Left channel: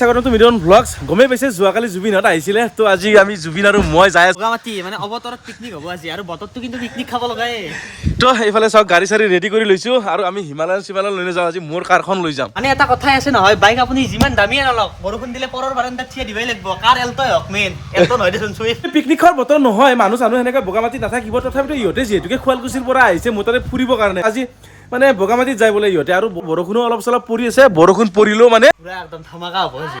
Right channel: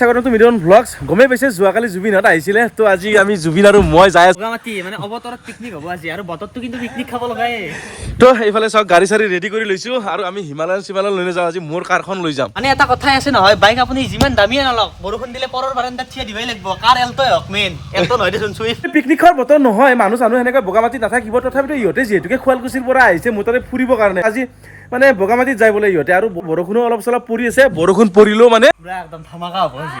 স্বাগতম মিডিয়ন ব্লগছ গমে পাইছে যোৱাকালি জুবিনহঁত আহিছিলে তো আজি আমি জুবিন আৰু মই যাই আছো বগামাটি মানে অৱতৰত পিকনিক হ'ব আজি আৰু বতৰটো কিন্তু পিকনিক খাব লগাই তো এইফালে চাওক গাড়ী চাৰি ৰেডি কৰি লৈছো আৰু আমি হিমালয়ান চিমালয়ান লৈ যাওঁ আজি মোৰ কাৰখন লৈ যাম মানে এটা কথাই আছে নহয় বাইক আপুনি যিমান দামীয়ে নলওক বৰষুণ দিলে পৰৰ বাৰান্দাত থিয় দিবই লাগিব কাৰ এলটই হওক মেইন এলটো নহয় দেচোন চুই পিকনিকৰ বতৰ নহয় মানুহ এনেকৈ বগামাটি নাথাকিব তথাপিতো ইহঁতে যিহেতুকে শুৱালকুছিৰ পৰা আহিছে মোৰ তাতে ফুৰিবৰ কাৰণে আজি মানে বগামাটিত যাই বোলে ইহঁতে আৰু বৰষুণো অলপ চলপ পৰি আছে বৰষুণ পৰিলেও মানে পুৰা একদম ধামাকা হ'ব আজি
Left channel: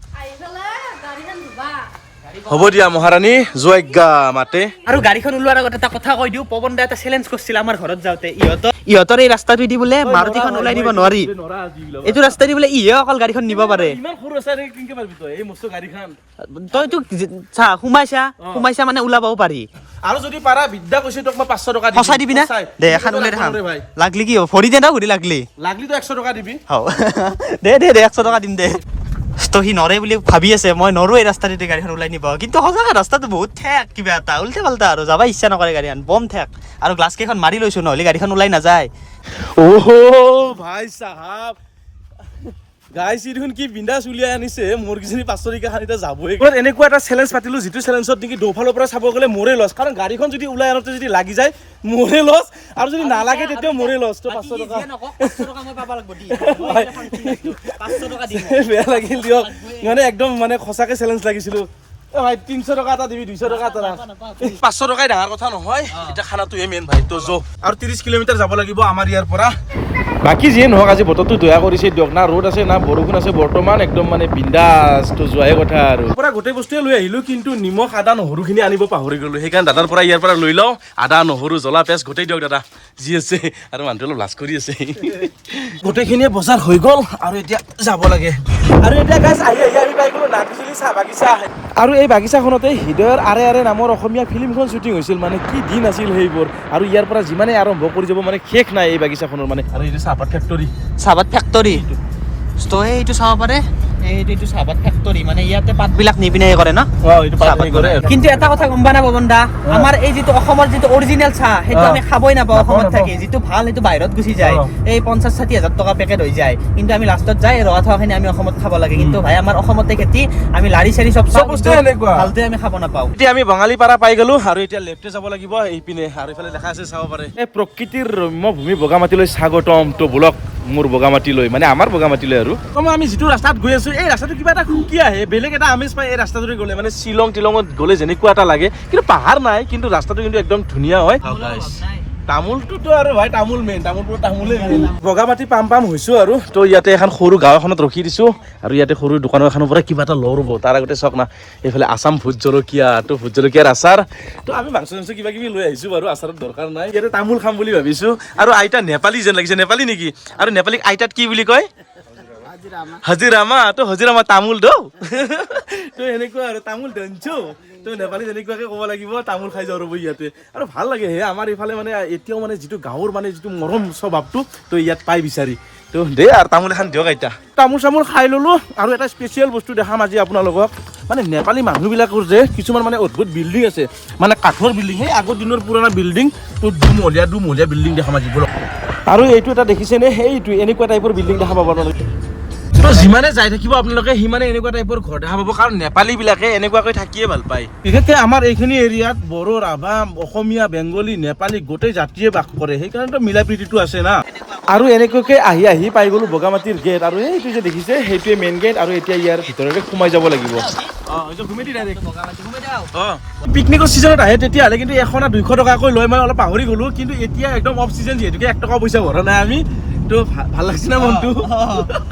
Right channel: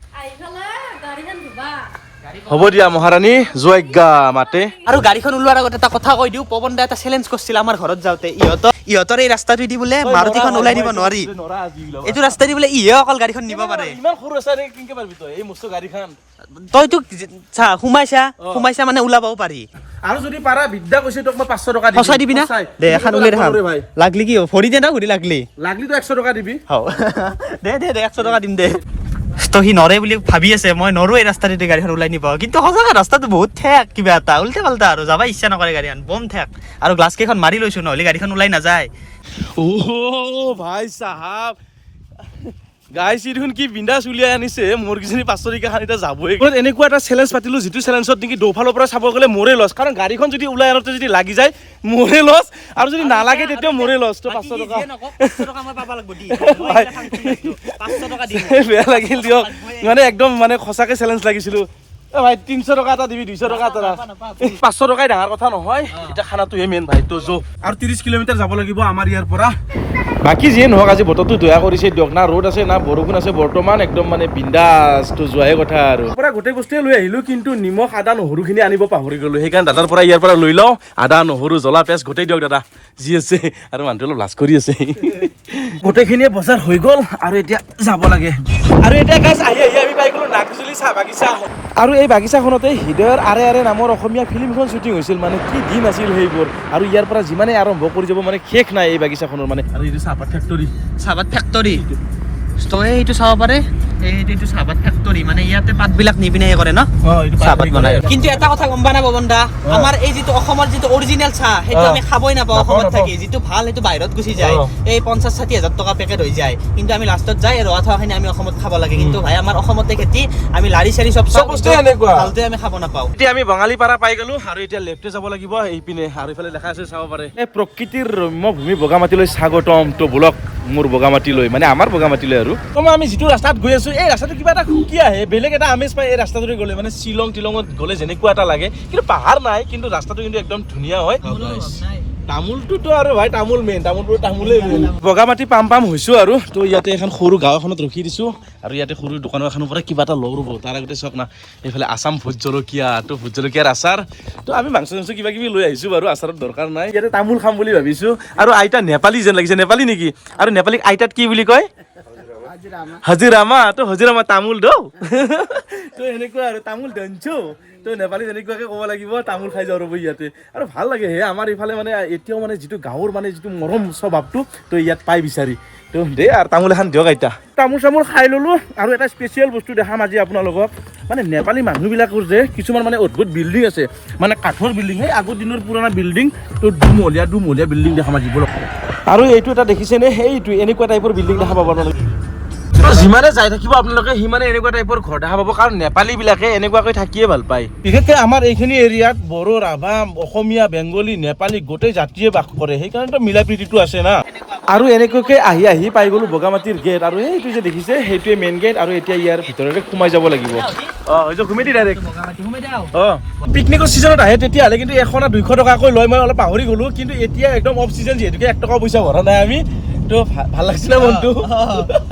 হ'ব দিয়া মহাৰাণী জয়জ্ঞা মাতে আৰু গাড়ীখন ওলোৱাৰ আগত এটা কথা কৈ দিওঁ পৱন দা এটা চেলেঞ্জ কৰিছিল আমাৰ ঘৰত যাওঁতে ইহঁতৰ এই ৰাস্তাটো দি বোলে মাৰুতিখন ওলাই দিব নোৱাৰি এইটো ৰাস্তা দি বোলে ইহে অকল গাড়ীখন নিব পাৰে ইমান সৰু আছে কেনেকৈ পাৰিবি তই এই মস্ত গাড়ীখন তইতো চা সোমাইছা মানে ওলাবও পাৰি আৰু যদি পাৰা বিদ্যা কৈছে তোক মই 500 টকা সঁচাই দিবি না দে এখন উলিয়াই দেখাম লাগলি কি ভৰি দে না ভৰি লাগলি তো 100 টকা দিবি দে 100 টকা দিম দে তো সি নৰে বুলি ভাবি আছে মই নৰো এই ৰাস্তাতে গাড়ীখন ওলাই নিব কিন্তু সঁচাকৈ ৰাস্তাটো বহুত ঠেক কিবা এটা উল্টা পাল্টা আৰু যাব ইচ্ছা নকৰে গাড়ীখন বম ঠেক আৰু গ্লাছ কেইখন মাৰি লৈছো নহ'লে গাড়ীখন ওলাই নাযায় ওহো ভাই সাহাব গাইছ দেখোন কি বিন্দাছ উলিয়াই আনিছে মোৰ কিজনী 500 টকা খান এতিয়া যাবই এনেকুৱা এটা চেলেঞ্জ পাতিলো যিটো চেলেঞ্জত নেকি দৌফালৰ পৰা চাব গ'লে মোৰে লছ কাৰণ গাড়ীখন যদি ওলাই আনোতে যদি লাগি যায় মোৰে লছ আৰু যদি নালাগে তেতিয়া মোৰে লছ তো 500 টকা 500 টকা মই পাব লাগিব দি 500 টকা দিম বেয়া লাগিল দিয়ক মানে একদম মানে সঁচাকে চেলেঞ্জ লাগিছিলো ভাই 300 টকা এটা দিবি 200 টকা এটা 500 টকাই ডাঙৰ কথা নহয় এটা খানাটোহে মেইন ভাই তো যো আৰু 30 কিলোমিটাৰ যাব লাগিব আমাৰ ইয়াৰ পৰা বাকি যিয়ে নহওক আজি বতৰটো দয়া কৰিছে দিয়ক না ৰ'দ আছে না বৰষুণ আছে বৰ্তমান একদম মানে বিন্দাছ তো যোৱাহে কথা আৰু পৰা গোটেই বস্তুৱে লৈ আহিলো কিন্তু নিমখ আদা নহৰুখিনি আনিব পাহৰি গ'লো সেইকাৰণে দাদাৰ পৰা ইয়াৰ পৰা লৈ লওঁ আদা নহৰু জ্বলা পেঁয়াজ গোটেই দিয়ক দাদা যি আছে আৰু মানুহটো অলপ লাজ কৰি আছে গোটেইখিনিয়ে বজাৰ হৈ গ'ল আৰু এতিয়া যাব লাগে আৰু এতিয়া গাছ আহি আমি পাই গ'লো নাগজুলি চাহ বাগিচা আৰু এই বাগিচাখনতে হৃদয়ৰ আৰে আৰে নামৰ অসমীয়া ফিল্মখন শ্বুটিং হৈছিল মানে কি দিন আছিল সেইবোৰ আৰু ইয়াৰ পৰা যিমানে আৰম্ভ কৰি যাব মানে শেষ নাই এই বাগিচাখনৰ মানে আৰু এইটো চাহপাত ফেক্টৰী তই এইটো চাব পাৰে এইটো চাহপাত ফেক্টৰী মানে ইয়াতে পাতবিলাক নিপিনে কৰে ন চাহপাত বনাই কিন্তু এটা কথা গম পা না পৱন দা আমাৰ এই যিটো অসমৰ যিটো অৰিজিনেল চাহ সেইটো আমি খাবই নাপাওঁ অসমত থাকি যিটো ভাল সেইটো বাহিৰত গুচি যায় এই 50-60 হাজাৰ টকা পেকেট হৈ যায় কিন্তু আমি লাষ্টত যাই ৰহা থোৱাখিনি আমি অসমত খাব লাগে কিন্তু ভাই আমাৰ অসমতে খেতি আমি লাৰি চাৰি চব ভালটোৱে আমি খাব নাপাওঁ এতিয়া আমি বঙালী পাৰা পাই গ'লো আৰু এতিয়া লেফ্টে যাব লাগিব এইপিনে আৰু এইফালে দেখা আছে চাব পাৰে এই প্ৰকৃতিৰ ৰম্য ভূমি বগামাটিলৈ স্বাগতম তো ব্লক মোৰ বগামাটিলৈ মানে আমাৰ বগামাটিলৈ আৰু আমি যিটো ৰাস্তাত গৈ আছো এই ৰাস্তাটো কিবা এটা খুকি আহে বেলেগ এটা আমেজ পায় এই ৰাস্তাটোৰে গ'লে মানে শ্বিলং টিলঙত গ'লে যেনেকুৱা এটা লাগে কিন্তু পাহাৰ নাই কিন্তু ৰাস্তাটো কিন্তু একদম ধুনীয়া হয় তামোলটোতো আৰু ভাই তামোল মেইন তামোলেই মেইন বগামাটি পাম হৈছো আৰু তো ইয়াতে এখন সৰু গাঁও এখনত ৰখি দিছো আৰু ইয়াতে সৰু দোকানৰ এখনৰ পৰা কিবা এটা লওঁ ৰ'ব তাৰ আগতে চাওক না এইফালে আছাম ভোট জলকীয়া তো ভোট জলকীয়াৰ আচাৰ তো আমি মাংস কিবা কিবি লৈ আহিছো বাৰু আচাৰত দৰকাৰ নাই ইয়াতে তামোল খাম বুলি ভাবিছো আৰু আইতা নেপালী যেন লাগিছে নেপালী নেকি আৰু নেপালীক আইতাত কি বুলি কয় হাজিৰামা তো হাজিৰামা তামোল দৌ তো এনেকুৱা আৰু তামোল দঞ্চো তো নেপালী যেনেকুৱাকে ক'ব লাগিব তামোল খাই যাওঁ ৰ'ব ইয়াতে আৰু ভাল লাগে হে আমাৰ এইফালে মানে এতিয়াও মানে যিটো গাঁৱৰ মানে যিটো মৰম স্বভাৱটো তো ইয়াত পাই বিচাৰি তো দে আৰু তামোল এখন দিয়ক আইতা তামোল চামোল খাই ল'লো আৰু এটা স্পেচিয়েল বস্তু দেখাম আজি আপোনালোকক মানে নেপালী মানুহবিলাকৰ যে কিছুমান মানে অদ্ভুত বিল্ডিং আছে মানে কাঠৰ বিল্ডিং সেই আগৰ দিনৰ পুৰণা বিল্ডিং তো দুমহলীয়া বিল্ডিং দেখাম আজি বলক আৰু এইটো এটা দেখিছেনে সেইটো এনেকুৱা টাইপৰ বিল্ডিং দেখা পাব আপোনালোকে যিমানে যাই থাকিব আপোনালোকে সিমানে এনেকুৱা টাইপৰ ঘৰ দেখা পাব কাৰণ নেপালী বিলাকে এনেকুৱাকৈ থাকিয়ে ভাল পায় বিশেষকৈ আমাৰ এইখিনি এৰিয়াত বড়ো ৰাভা অসমীয়া বেংগলী নেপালী গোটেই জাতিয়ে বাস কৰে সেইকাৰণে মিলা প্ৰীতিটো আছে না আৰু এনেকুৱাকৈ আহি পাই গ'লো বগামাটিৰ গেট আৰু এইটো যে দেখিছে সেইটোৱে মেইন গেট আৰু এতিয়া ইয়াৰ ভিতৰতে সোমাই যাব লাগিব ঘুমি দি ডাইৰেক্ট পিকনিকৰ ছিজনত আহে তেতিয়াহ'লে কিন্তু 100 না 200 টকাকৈ লয় মই অলপ পাহৰি গ'লো কিন্তু এতিয়া একদম অফ ছিজন যিহেতুকে 1 টকা পইচা ভৰা নাই আমি তো ভাল লাগিছিলে মনটো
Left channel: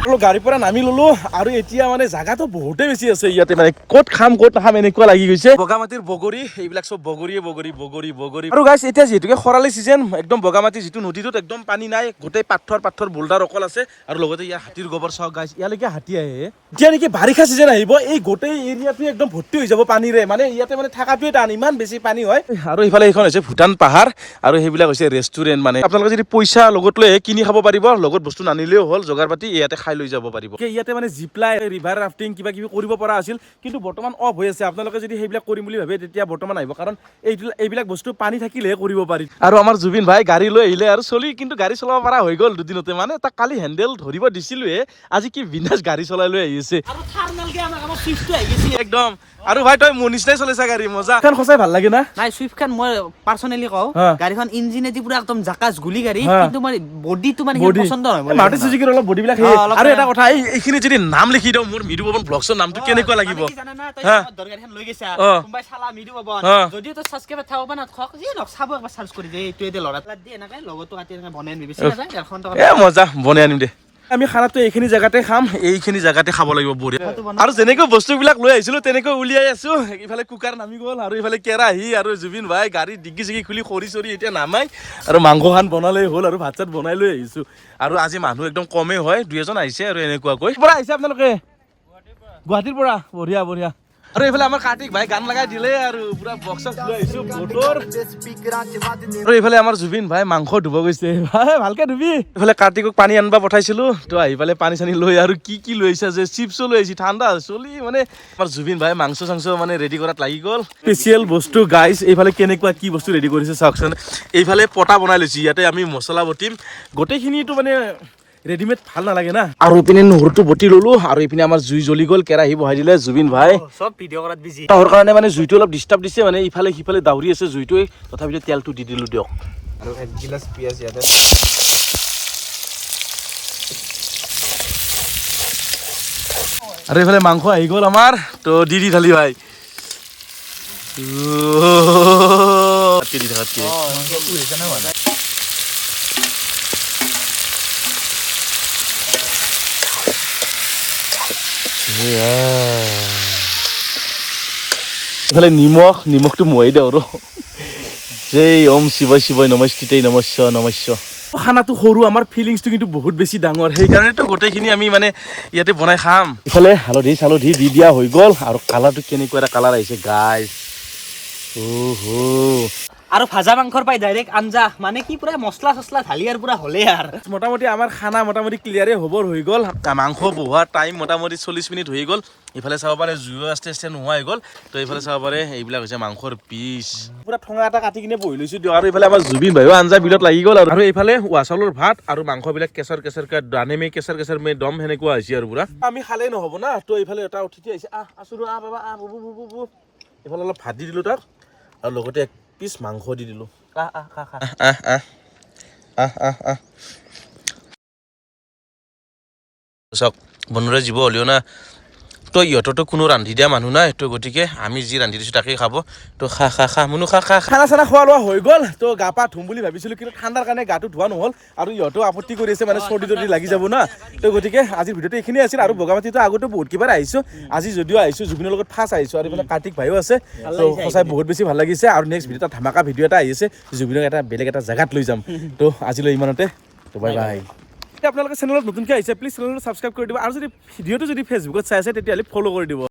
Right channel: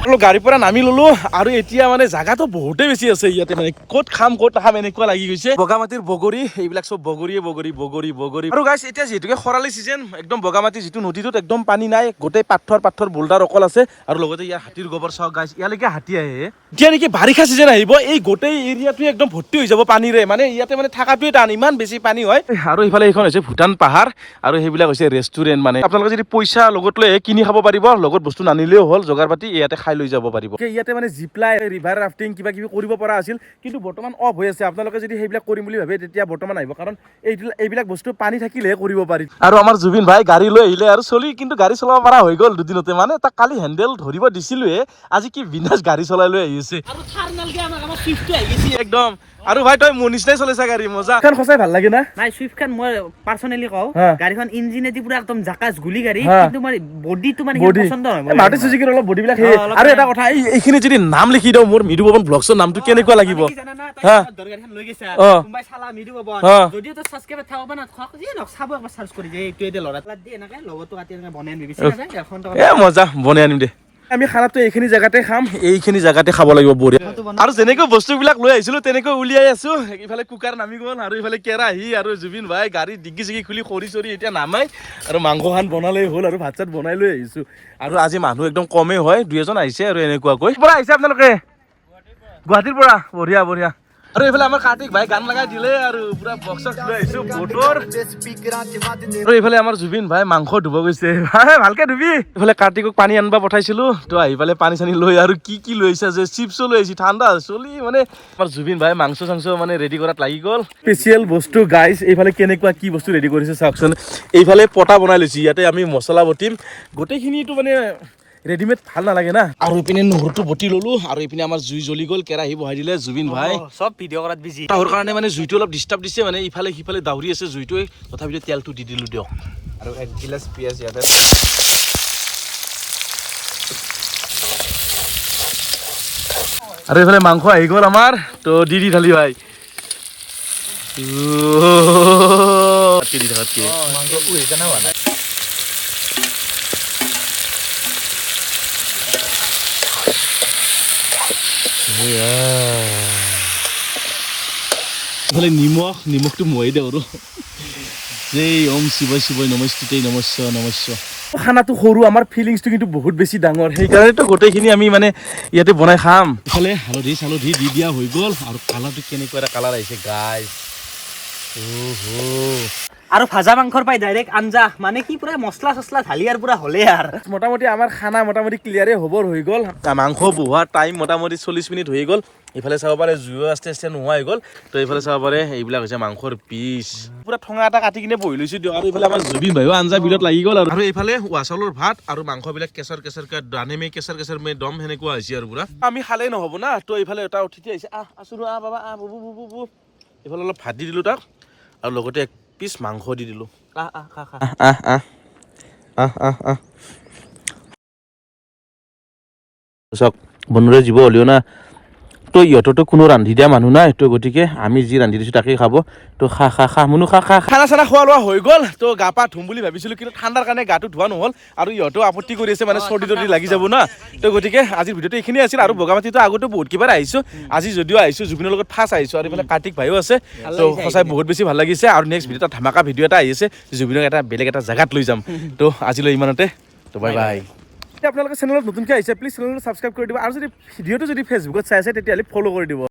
অলপ গাড়ীৰ পৰা নামি ললো আৰু এতিয়া মানে জাগাটো বহুতেই বেছি আছে ইয়াতে মানে ক'ত খাম এনেকুৱা লাগি গৈছে বগামাটিৰ বগৰী এইবিলাক চব বগৰী আৰু গাইছ এতিয়া যিহেতুকে খৰালি ছিজন একদম বগামাটি যিটো নদীটোত একদম পানী নাই গোটেই পাথৰ বোল্ডাৰ অকল আছে আৰু লগতে ইয়াৰ হাতীৰ গোবৰ চাওক গাইছ ইয়ালৈকে হাতী আহে এতিয়া নেকি বাৰিষা ছিজন আহিব এই গোটেই এৰিয়াটোৱে একদম ভৰ্তি হৈ যাব পানীৰে মানে ইয়াতে মানে থাকাটোৱে টান ইমান বেছি পানী হয় আৰু ইফালে এইখন হৈছে ভূটান পাহাৰ আৰু সেইবিলাক হৈছে ৰেষ্টুৰেণ্ট মানে আপোনালোকে যদি পইচা লগত লৈ কিনি খাব পাৰিব লগত বস্তু নানিলেও হ'ল জোগাৰ পাতি ইয়াতে খাই লৈ যাব পাৰিব ইয়াতে মানে জিপলাই ৰিভাৰ ৰাফটিং কিবা কিবি কৰিব পৰা আছিল কিন্তু বৰ্তমান অফ হৈ আছে আপোনালোকে যদি সেইবিলাক কৰিম বুলি ভাবে তেতিয়া বৰ্তমান আহিব কাৰণ এইবিলাক বস্তু পানী থাকিলেহে কৰিব পাৰি আৰু আমাৰ জুবিন ভাই গাড়ী লৈ আহিলে আৰু চলি কিন্তু গাড়ী চলাব পৰা হৈ গ'ল দুদিনতে মানে তাক কালি হেণ্ডেল ধৰিব দিছিলোৱে আজি কি বিন্দাছ গাড়ী চলাই লৈ আহিছে আৰু থাৰ্মেলকে আমাৰ সুইফটটো আহি গৈছে একদম আৰু ভাই তই মোৰ নিচিনাই চলাইছা গাড়ী মজা এখন সঁচাই ভাল লাগে না নাই সুইফটখন মই পাৰ্চনেলি কওঁ গাড়ীখন ইঞ্জিনেদি পুৰা একদম জাকাজ গুলি গাড়ী কিন্তু মই বডিটো মানে পছন্দ নহয় মাৰুতি সুজুকিৰ অলপ বডি বিলাক আৰু এটা কথা এইখিনি যদি নাম লিখি দিওঁ মোৰ মৃদু পৱন ব্লগছৰ নামটো কেনেকুৱা লাগিব দৰগাৰীখন লৈ গৈছা কোনোবাই চালা মৃদু পৱন যদিও তো সাবস্ক্ৰাইব থাকব না থাক যি নক চাব একবাৰ সাৰ্চ কৰি দে এইটো এতে লৰা দি এনেকৈ লগতো কাটি এনেকৈ বনাই আনিবি এখন মজা বনাই আনিম দে আমি খানাটো এইখিনি জেগাতে খাম এইখিনি জেগাতে খাব লাগিব বঢ়িয়া আৰু যেনেকৈ বস্তুবিলাক লৈ আহিছিলো তেনেকৈ উলিয়াই আছো ইফালে কুকাৰ নামি গ'ল আৰু ইফালে কেৰাহী আৰু জুবিন ভাই গাড়ী ডিগ্গি চিগি খুলি খৰি চৰি এতিয়া নামাই আৰু মাংসখন বনালেই হ'ল আৰু ভাত চাত বনাই লৈ আহিছো আৰু আজি মানুহ একদম কমেই হয় 2 এজন আহিছে আৰু এনেকুৱাকৈ পৰা আহিছে আপোনালোকে গুৱাহাটীৰ পৰা বঢ়িয়া বঢ়িয়া আৰু এইফালে আমাৰ কাৰ্তিক ভাই গান লগাই দিলে আৰু পুৰা বক্স লৈ আহিছো বটৰ আৰু এইফালে আমাৰ জুবিন ভাই মাংস ধুব গৈছে ভালকে ধুবি এইফালে কাৰ্তিকক পানী আনবা পঠাইছিলো তো আহি পালে পানী চানী লৈ আৰু কি লৈ আহিছে যে চিপছো লৈ আহিছে ঠাণ্ডা চলি মানে আমাৰ জুবিন ভাই মাংস চাংস মানে ৰেডি কৰাত লাগি গ'ল স্পেচিয়েল বস্তু গাইজ এইফালে কেনেকুৱা কি বস্তু ৰেডি কৰিছে চাওকচোন এইফালে পটা বনাই লৈছে ইয়াতে আমি মছলা বটিম গোটেইখিনিটো মানে ৰেডিমেড ভাল নালাগে না আৰু ইপিনে নহৰুটো বটি ললো আৰু ইপিনে আমাৰ জুই জ্বলি গ'ল কেৰাহী বহাই দিলে জুবিন ভাই সব ভিডিঅ' কৰাত বিজি তাৰ কাৰণে মানে জুইটো অলপ ডিষ্টাৰ্ব দিছে মানে ইফালে সিফালে দাউৰি আছে জুইটোৱে তথাপিতো তেলটো দি দিলো দিয়ক আৰু 1 গিলাচ পিয়াজ ইয়াতে আৰু এইফালে মাংস আহি গ'ল আমাৰ তো দি ঢালি ভাই দি থাকাতকে এইফালে নিমখটো মৰি দিওঁ আৰু জয় ওম শিৱই শিৱই নমস্তুতেই নমস্য নমস্য খানাটো সৰু আমাৰ ফিলিংছটো কিন্তু বহুত বেছি ডাঙৰ সেইকাৰণেতো গোটেইখিনি আমি মানে ইয়াতে বনাই খাম ইফালে হালধি চালধি দি দিয়া হৈ গ'ল আৰু কালাৰটো কেনেকুৱা এটা কালাৰ আহিছে গাইজ আৰু ভাজা মাংসৰ পাই ডাইৰেক্ট আঞ্জা মানে কি পুৰা মছলা চছলা ঢালি আৰু পুৰা হ'লে আৰু মোটামুটি আমাৰ খানা মোটামুটি ক্লিয়াৰে হ'বৰ হৈ গ'ল মাংস বহোৱা টাইম মোটামুটি 40 মিনিট হৈ গ'ল ইফালে চাব পাৰে জুইও আস্তে আস্তে নোহোৱা হৈ গ'ল তো এইফালে চাব পাৰে এইবিলাক হৈছে মাংসৰ পিচ পুৰা ঠঙা এটা কাটি কিনে বহি লৈছোঁ দিয়ক আৰু এইফালে আমাৰ জুবিন ভাইও আঞ্জা বিলত লাগি গ'ল আৰু এইফালে ৱাচালৰ ভাত আৰু মাংসবিলাক কেঁচাৰ দানে কেঁচাৰ মে দম সেনেকুৱা হৈছে আৰু পুৰা আমি খালেই নহ'ব না তো এইফালে এটা উঠি আহিছে আছো বাবা বুবু এইফালে অলপ ভাত দি দিলোঁ তাক আৰু লগতে পিছ মাংস দি দিলো বনোৰে জীৱ হ'লেও না তো ইহঁতৰতো কোনো ৰান্ধি দিয়া মানুহ নাই তো গতিকে আমি যি ৰান্ধি দিছোঁ তাকেই খাব তো খা মুনু খা খানা চানা খোৱা লোৱা হৈ গ'ল তো গা পা ধুম বুলি ভাবিছিলোঁ কিন্তু ঠাণ্ডাৰ কাৰণে গাটো ধোৱা নহ'ল আৰু ইহঁতেও আপত্তি কৰি আছে মানে চৰ্দি তৰ্দি লাগি যাব না তো গতিকে আজিৰ ভিডিঅ'টো এইখিনি আছিল আৰু বগামাটিতো আগতে বহুত কিবাৰ আহিছোঁ আজি যদিও আহিছোঁ জুবিনৰ লগত ফাৰ্ষ্ট আহিছোঁ আৰু এইফালে কাৰ্তিক ভাইও আছে তো সঁচাই বহুত বেছি ভাল লাগিছে আৰু নেক্সট ভিডিঅ'ত ধামাকা ভিডিঅ' এটা আহি আছে জুবিনক এটা বেলেগ এটা জেগাত লৈ যাম তো আজিলৈ ইমানতে তো বাই বাই আপোনালোকে চেনেলত নতুনকৈ আহিছে প্লিজ চেনেলটো ছাবস্ক্ৰাইব কৰি দিব আৰু যদি ভিডিঅ'টো যদি ফেচবুকত চাই আছে তেতিয়াহ'লে ফ'ল' কৰি দিব